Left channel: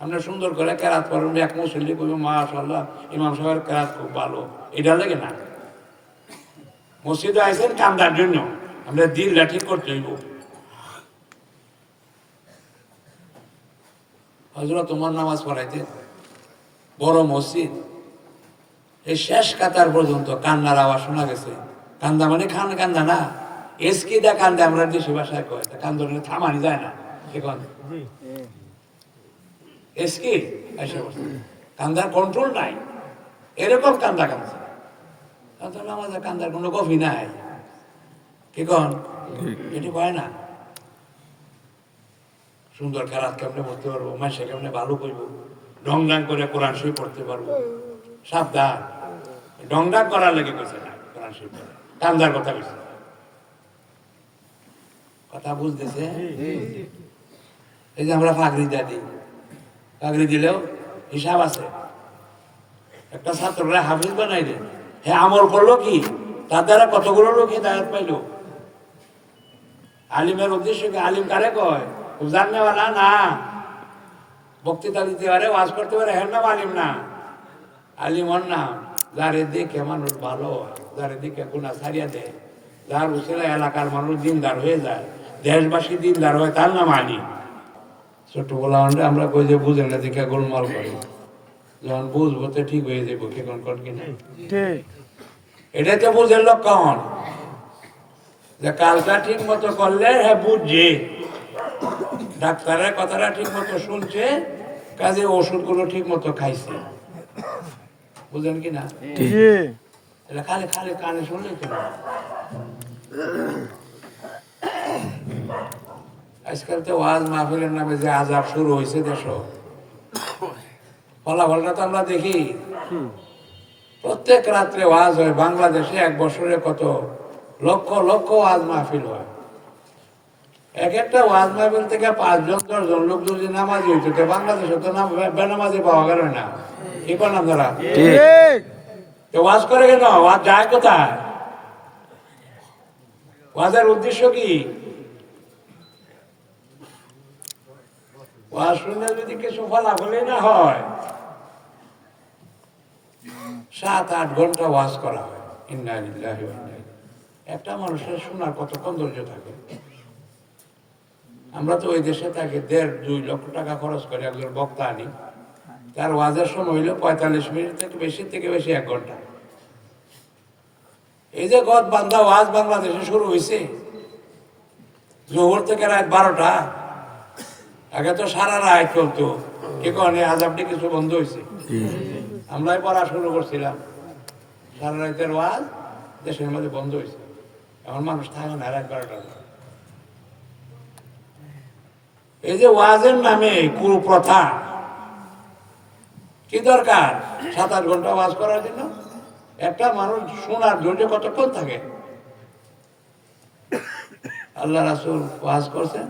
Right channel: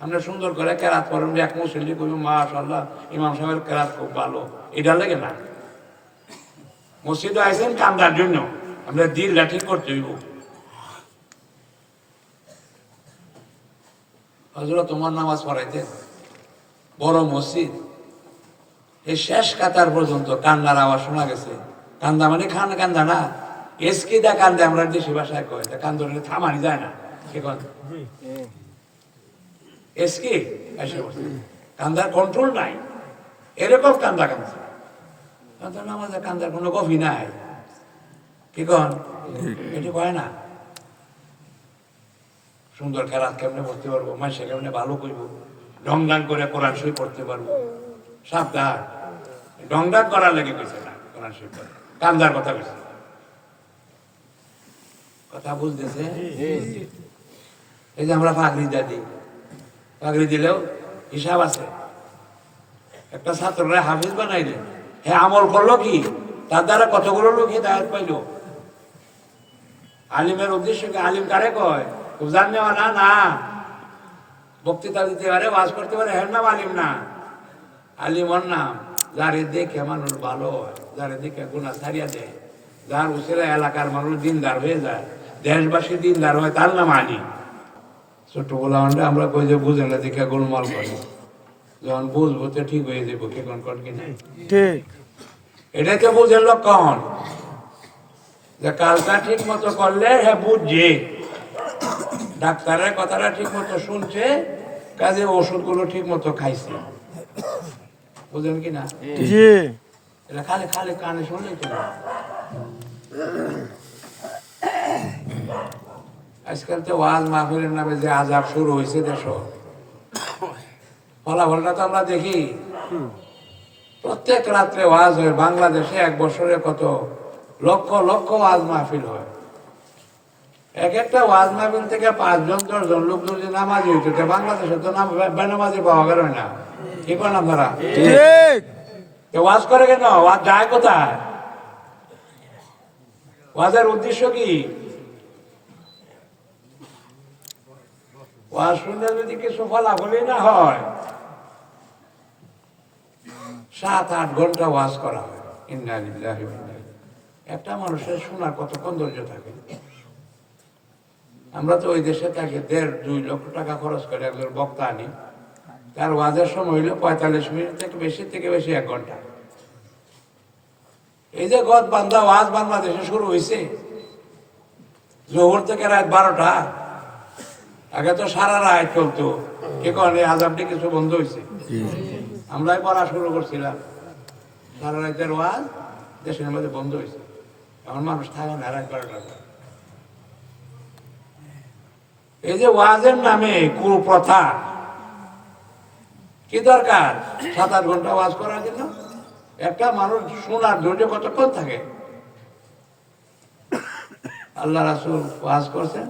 আমরা সুন্দর করে কেরাত করুন, এক মুসল্লি করব মাশাল্লাহ ইমাম সাহেবের কেরাত খুব ভালো। এটা লেগে না। মসজিদে আইসেন কান্দার জন্য। আমরা দিল লাঠি করতে হইব। হজরত তোমার নামাজ পড়াইতে বড় মসজিদ। এই শেষ কাতার পর্যন্ত কান্নার আওয়াজ শোনা গেছে। কান্দা মানে খান কান্দা না। এসকি দা কান্দে আমরা দেশি ভাষায় কয় কান্দ থামানি যায় না। এখন। এসকি এসে বসে। কান্দার কন্ট্রোল নাই। এরকম কান্দা কান্দা কান্দা আমাদের কান্দার কোনো কফি নাই। কি কন? এটি কয় না? সুন্দর খেলা কেমনে করতে পারব? মাসে কেমনে ভালো করব? ডং ডাং করে কোরআন শরীফ পড়তে পারব? সাবধান। ডং ডাং করার লেগে কইছে না, কোরআন পড়ে কান্দার কথা কইছে কথা বুঝতেছে এই যে আমরা ফাঁকরি দিই ফাঁকরি দিলেও হিসাব আছে। একটা ছাত্ররা হাফিজ বানাইলে। হ্যাঁ আমল করল কি? তার দ্বারা কতগুলো লোক হেদায়ত পাইলো? আলিমের উদ্দেশ্য কি? আলিম কারে কয়? উজান নেওয়া না? না। বক্তৃতা দিতে পারে, ওয়াজ করতে পারে হ্যাঁ নাম আলিম না। আলিম ওর নাম। যারে দেখে মানুষ ভালো হয়, যারে দেখে গুণা ছাড়িয়া দেয়। যার উচিত এলাকার মানুষ দিনদার হয়ে যায়, দেশবাসী দিনদার হয়, তার নাম আলিম। ছোট্টবেলা আমরা আমরা কই যে বুঝে না দেখে গোলমাল করে। যখন বুঝব তো ঠিক হয়ে যাব কে কোন কোন কিনা ঠিক। এটা তো বুঝের লক্ষণ। যে কালটা ঠিক মতো করলে হ্যাঁ বুঝছে ডাক্তারের কথাটা ঠিক মতো শুনছে কাজে ওষুধগুলো ঠিক মতো খাইছে। বুঝলেন কি না? জি। এটা খালি খালি কানে শুনলে তো না। আজকাল তো ওয়াজ মাহফিলের নামে যে আজাব শুরু হয়েছে দেশ। ফলাফলটা তো আমরা দেখি। প্রত্যেক রাত্রে ওয়াজ হয়। বাংলাদেশে এক বছরে কত? লক্ষ লক্ষ ওয়াজ মাহফিল হয়। এক একটা ওয়াজ মাহফিল থেকে পাঁচজন, দশজন লোক যদি নামাজ হইতো, তো বাংলাদেশে তো নাম বেনামাজি পাওয়া গেল না। কি করলাম তো ওয়াজ করে কেন? ওয়াজ যায় কোথায়? ওয়াজের উদ্দেশ্য কি? ওয়াজ শুনলে যদি কিছু ফলাফলই না হয়। সাত আট ঘণ্টা ওয়াজ করা হয়। ইন্না লিল্লাহি ওয়া ইন্না ইলাইহি। একটা মানুষের শোনার কতক্ষণ ধৈর্য থাকে। আমরা তো ওই দেশে থাকি দেড় দুই লক্ষ টাকা খরচ করে একজন বক্তা আনি। তার ওয়াজের সময় হইল পঁয়তাল্লিশ মিনিট থেকে বেশি থেকে বেশি এক ঘণ্টা। এই যে গদ বান্ধা ওয়াজ বাংলাদেশে শুরু হয়েছে জোহর থেকে রাত বারোটা। আগে তো সারা রাত চলতো। কে কনে আজাবটি কিছু বন্ধ হয়েছে আমরাই পড়া শুরু করছিলাম। সারা রাতের ওয়াজ দেশের মধ্যে বন্ধ হয়েছে এখন মানুষ থাকে না রাত বারোটা এই যে ওয়াজের নামে কুপ্রথা কি দরকার? সাত আট ঘণ্টা ওয়াজ করার জন্য? একটা মানুষ শোনার ধৈর্য কতক্ষণ থাকে? আল্লাহ রাসুল ওয়াজ করছেন।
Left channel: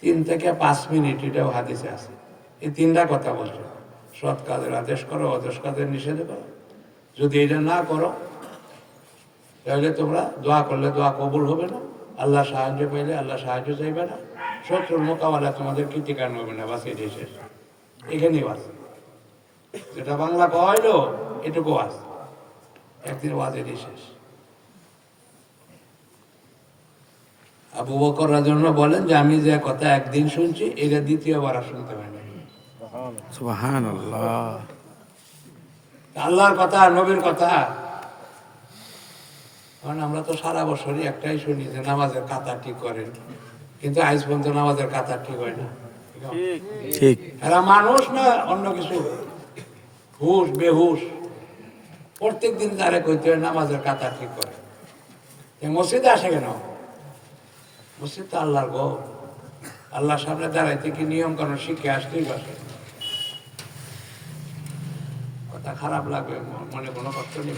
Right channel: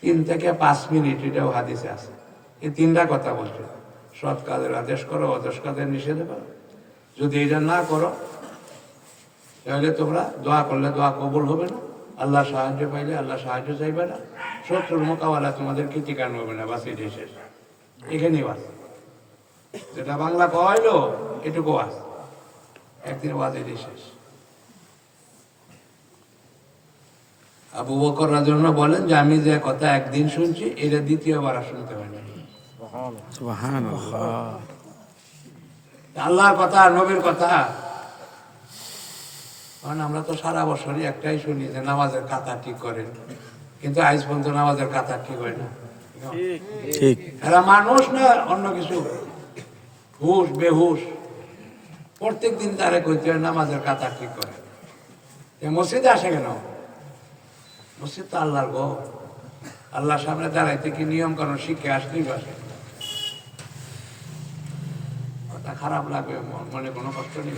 তিন থেকে পাঁচ মিনিট এটাও হাদিসে আছে। এই তিনটা কথা বলছে। সৎ কাজের আদেশ করো, অদেশ কাজের নিষেধ করো। যদি এটা না করো, তাহলে তোমরা দোয়া করলে দোয়া কবুল হবে না। আল্লাহ সাহায্য পাইলে আল্লাহ সাহায্য চাইবে না। শত্রুর মোকাবেলা তোমাদের কৃতিকান হবে না। বাস শেষ। এখানেই বাস। যেটা বাংলা কয়লো এটুকু বাস। একদিন ওয়াজ এটাই শেষ। আবু বকর রাজন বলেন যে আমি যে কথা একদিন শুনছি এটা দ্বিতীয়বার আর শুনতে পাই না। সুবহানাল্লাহ। আল্লাহর কথা নবীর কথা। কারণ আমরা তো সারা বছরই একটাই শুনি যে নামাজের কাতা ঠিক করেন। কিন্তু আজ পর্যন্ত নামাজের কাতা ঠিক হয় না। ঠিক। এরা মানুষ না অন্য কিছু। হুশ বেহুশ। প্রত্যেক দিন তারে কইতে হয় নামাজের কাতা ঠিক করে মসজিদে আসে কেন? মসজিদ তো আল্লাহর গো, আল্লাহর সামনে দাঁড়াইতে কি নিয়ম কারণ শিখে আসতেই পারে কথা খারাপ লাগবে মনে কোনো কষ্ট নেই।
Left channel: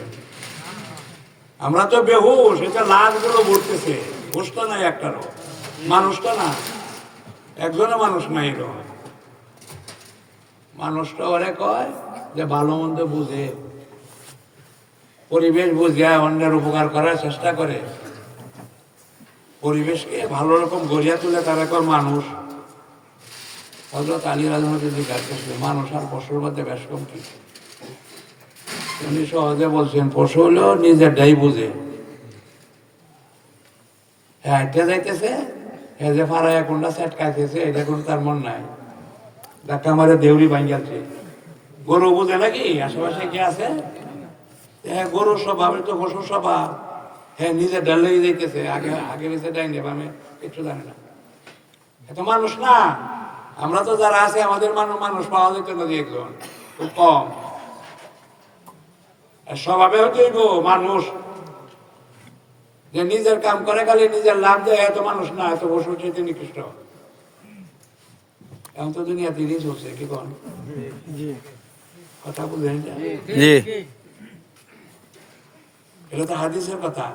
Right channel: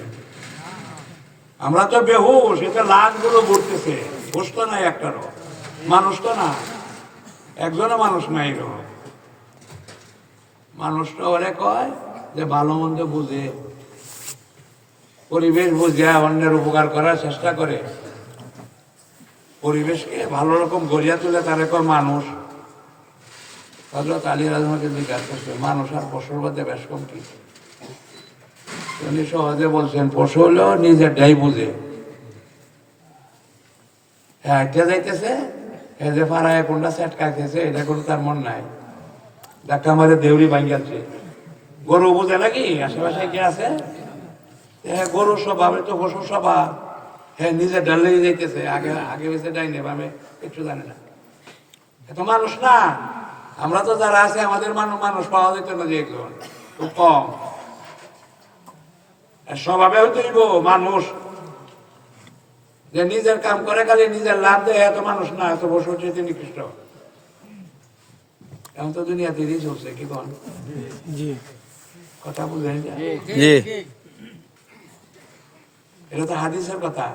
আমরা তো বেহুশ এটা লাশগুলো ঘুরতেছে। হুশ তো নাই একটারও, মানুষ তো না একজনও মানুষ নাই রো। মানুষটা ওরে কয় যে, ভালো মন্দ বুঝে, পরিবেশ বুঝে, অন্যের উপকার করার চেষ্টা করে। পরিবেশকে ভালো রকম গড়িয়া তুলে তার একর মানুষ। হজরত আলী রাজমাকে জিজ্ঞাসা করছে। মানুষ আর পশুর মধ্যে বেশ কম কি উনি সহজে বলছেন পশু হলেও নিজের ডাই বুঝে। হ্যাঁ যাইতেছে হ্যাঁ যে ফারায় কোনটা সেট খাইতেছে, এটা কোনো তার মন নাই। ডাক্তার আমাদের দেউরি ভাঙ্গাচ্ছে। গরু বুঝে নাকি? আশেপাশে কি আছে? হ্যাঁ গরুর স্বভাব তো পশুর স্বভাব। হ্যাঁ নিজে ডালে যাইতেছে। আগে আগে বেঁচে ডাই নেব আমি একটু জানি না। এত মানুষ না। আমরা তো যারা আছে আমাদের মানুষ মানুষ পাওয়া যেত না যে একজন। খুব কম। স্বভাবে হতেই গো মানুষ। যে নিজের কাম করে খালি নিজের লাভ দেয় এত মানুষ না এত বসে তিনি নিকৃষ্ট এখন তো দুনিয়া তিরিশ চলছে কি কন? জি। কথা বুঝেন জি। এটা তো হাদিসের কথা।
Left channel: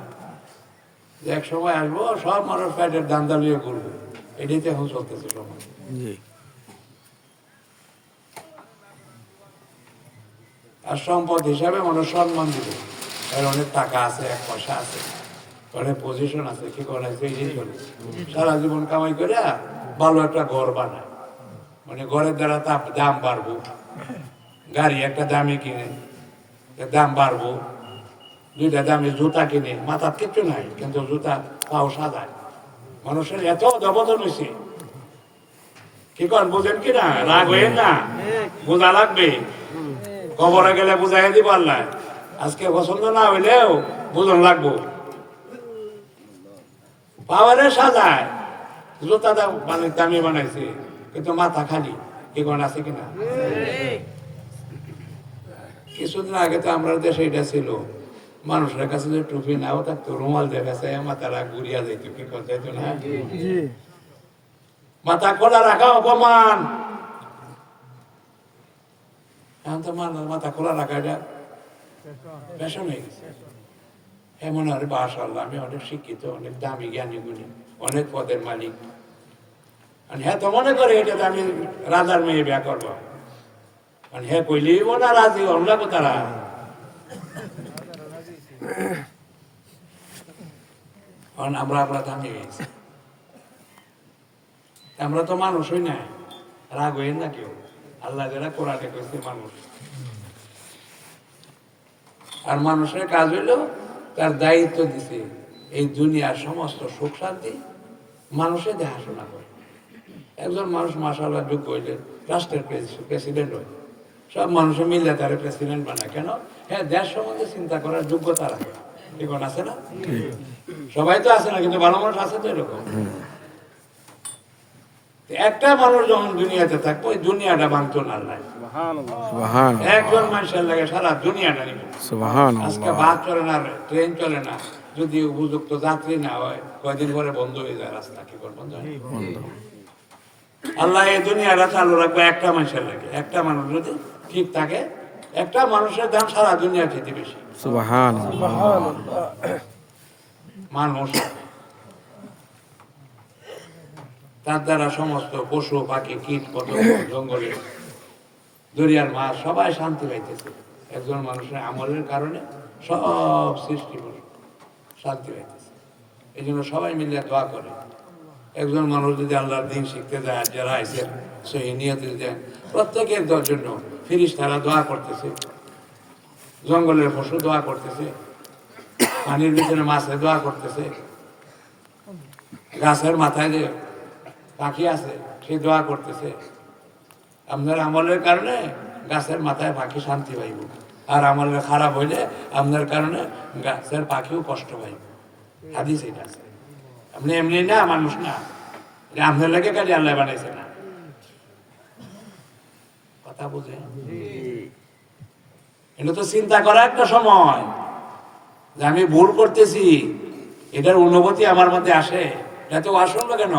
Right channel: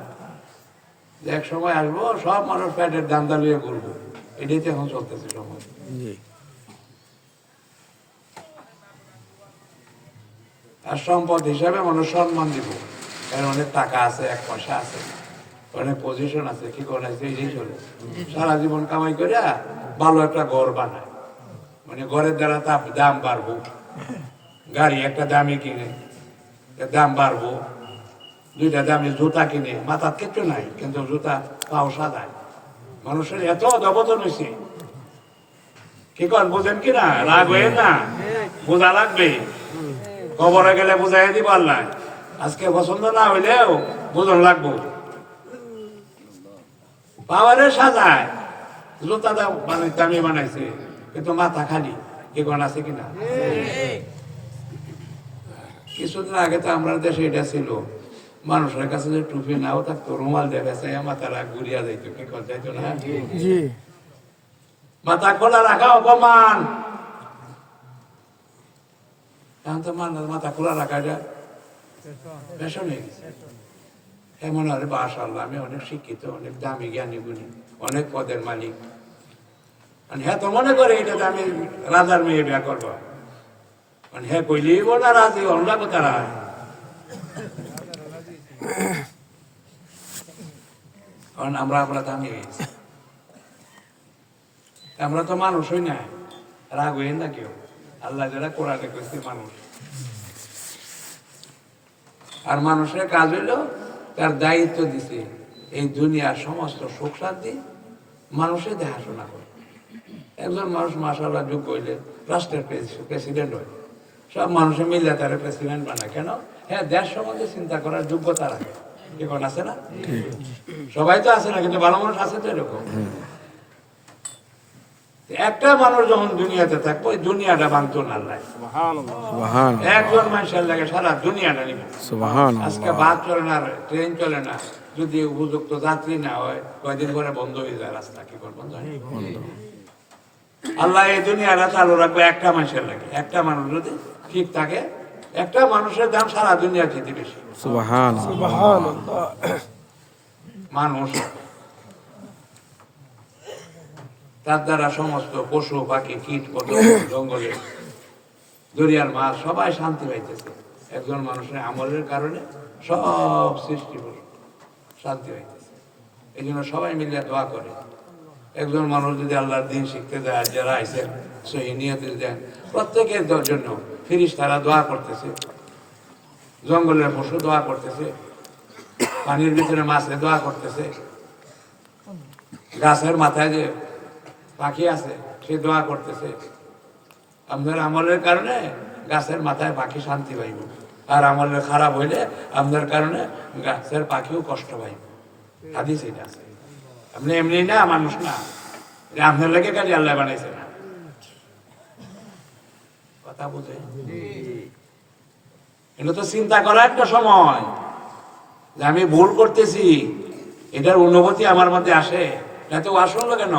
যে এক সময় আসব সব মানুষ প্যাটের দান্দা লিয়ে ঘুরবো এটাই তো এখন চলতেছে সময়। আর সম্পদ হিসাবে মানুষ সম্মান দিব। এর অনেক টাকা আছে এক পয়সা আছে অনেক পজিশন আছে কি করে আছে এই চলে। সারা জীবন কামাই করে ভালো একটা ঘর বানা। মানে ঘরের দ্বারা দাম বাড়বো। গাড়ি একটা দামে কিনে দাম বাড়বো। দুইটা দামি জুতা কিনে মাথার কিচ্ছু নাই, কিন্তু জুতা পাও সাদায় মানুষের এত অধবদন হয়েছে কি কর বুঝেন কি না? রাগ হয়ে না? বোঝা লাগবে। কবরে গেলে বুঝাই দিব আল্লাহ। আজকে পছন্দ না হইলেও বুঝন লাগবো। পাওয়ারে সাজায় জুতা মানে দামি বানাইছে, কিন্তু মাথা খালি। এগুলো আছে কিনা কিছুদিন আগে তো আমরা দেশে এটা ছিল। মানুষের কাছে যে টুপি নাও থাকতো রুমাল দেখাছে মাথারা ঘুরিয়া যাইতো কি করতে যাইতো না? মাথা খোলা রাখা অপমান। এখন তো মানুষ মাথা খোলা রাখা যায়। ফ্যাশন হয়ে গেছে এমন আরে বাসাল্লাহ আমি অনেক শিক্ষিত অনেক দামি জ্ঞানী গুণী অনেক পদের মালিক। আর হ্যাঁ তো মনে করে এটা তো আমি রাজার মেয়ে বিয়া করব। আর হ্যাঁ কইলি না রাজি হল না তারা কারণ আমরা আমরা দামি হয়ে গেছি। আমরা তো মানুষ হই না। রাগ হই না কেউ। আল্লাহ যারা কোরআনে করেছে মানুষ। আর মানুষের কাজ হইল তার দায়িত্ব দিছে। এই দুনিয়ার সমস্ত সুখ শান্তি মানুষের দেখাশোনা করে। একজন মানুষ মাসাল্লাহ যোগ্য হইলে রাষ্ট্রের প্রেসিডেন্ট হয় সব মানুষে মিলে তার প্রেসিডেন্ট বানায়। কেন? হ্যাঁ দেশ সম্বন্ধে চিন্তা করার যোগ্যতা রাখে। এখন আছে না? সবাই তো আছে না কিন্তু ভালো মানুষ আছে তো এরকম। একটা মানুষ যখন দুনিয়াতে থাকব ওই দুনিয়াটা ভাঙতো না একজন মানুষের লাগে সারা দুনিয়াটা নিব। আজকে বাস চলে না ট্রেন চলে না যদি উপযুক্ত যাত্রী না হয় কয়দিন পরে বন্ধ হয়ে যায় রাস্তা কি করে বন্ধ। আল্লাহ এই দুনিয়াটা চালু রাখবে একটা মানুষের লাগে। একটা মানুষ যদি ঠিক থাকে একটা মানুষের দাম সারা দুনিয়া খেতে বেশি। মানুষ। তার দ্বারা সমস্ত পশু পাখি কীট পতঙ্গ জঙ্গলে দরিয়ার মাছ সবাই শান্তি পাইতেছে। একজন মানুষের আমলের কারণে সব সৃষ্টি শান্তি পাইতেছে। এই জন্য সবাই মিলে দোয়া করে। একজন মানুষ যদি আল্লাহর দিন শিখতে দেয় যারা আইসেন সেই নিয়তে দেন প্রত্যেকের দর জন্য ফিরিস তারা দোয়া করতেছে। জঙ্গলের পশু দোয়া করতেছে। পানির ভিতরে মাছে দোয়া করতেছে। গাছের মাথায় যে পাখি আছে, সে দোয়া করতেছে। আপনার আমলের কারণে গাছের মাথায় পাখি শান্তি পাইব। আর আমলের খারাপ হইলে আপনার কারণে গাছের পাখিও কষ্ট পাইব। হাদিস এটা আছে। আপনি এমনি না, মানুষ না। আপনার লেগে কাজে আল্লাহ বানাইছে না। কথা বুঝে এটা তো চিন্তা করা একটা সময় যে আমি ভুল করতেছি, এটার অনুভূতি আমার মধ্যে আসে। এটা তো কেন?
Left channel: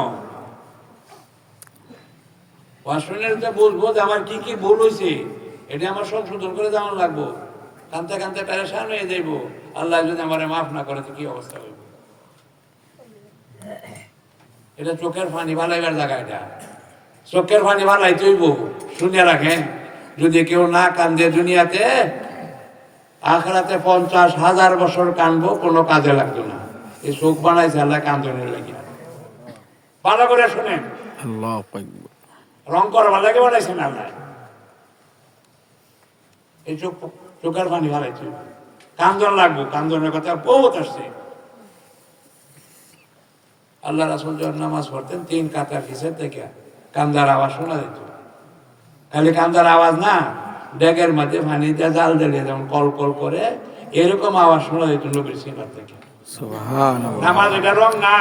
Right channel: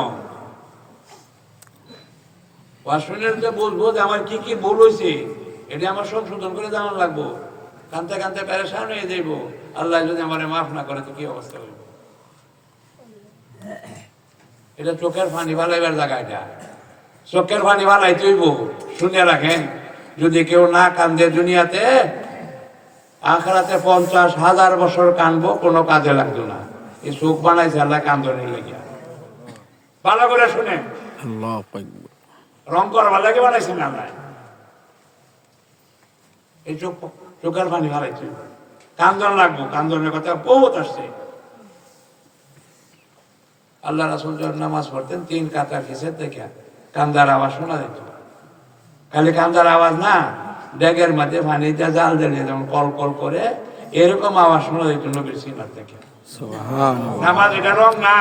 যে বুঝব যে আমার কি কি ভুল হয়েছে এটা আমার সংশোধন করে জানা লাগবো। কানতে কানতে প্যারেশান হয়ে যাইব। আল্লাহ যদি আমার মাফ না করে, তো কি অবস্থা হইব? এটা চোখের পানি ভালাইবার জায়গা এটা। চোখের পানি ভালাই তৈব শুনে রাখেন। যদি কেউ না কান্দে দুনিয়াতে আখরাতে পঞ্চাশ হাজার বছর কানবো কোনো কাজে লাগতো না। এই চোখ বানাইছে আল্লাহ কান্দনের লেগে ভালো করে শুনেন। আল্লাহ রং করবার লাগে বানাইছেন আপনার এই চোখ চোখের পানি বাড়াইছে কান্দন লাগবো কান্দনের কথা বহুত আসছে। আল্লাহ রাসুল যখন নামাজ পড়তেন তিন কাতার কিসের থেকে কান্দার আওয়াজ শোনা যেত খালি কান্দার আওয়াজ না ড্যাগের মাঝে পানিতে জাল দিলে যেমন কল কল করে এরকম আওয়াজ শোনা যেত নবীর সিনার থেকে। আমার এটা রং না।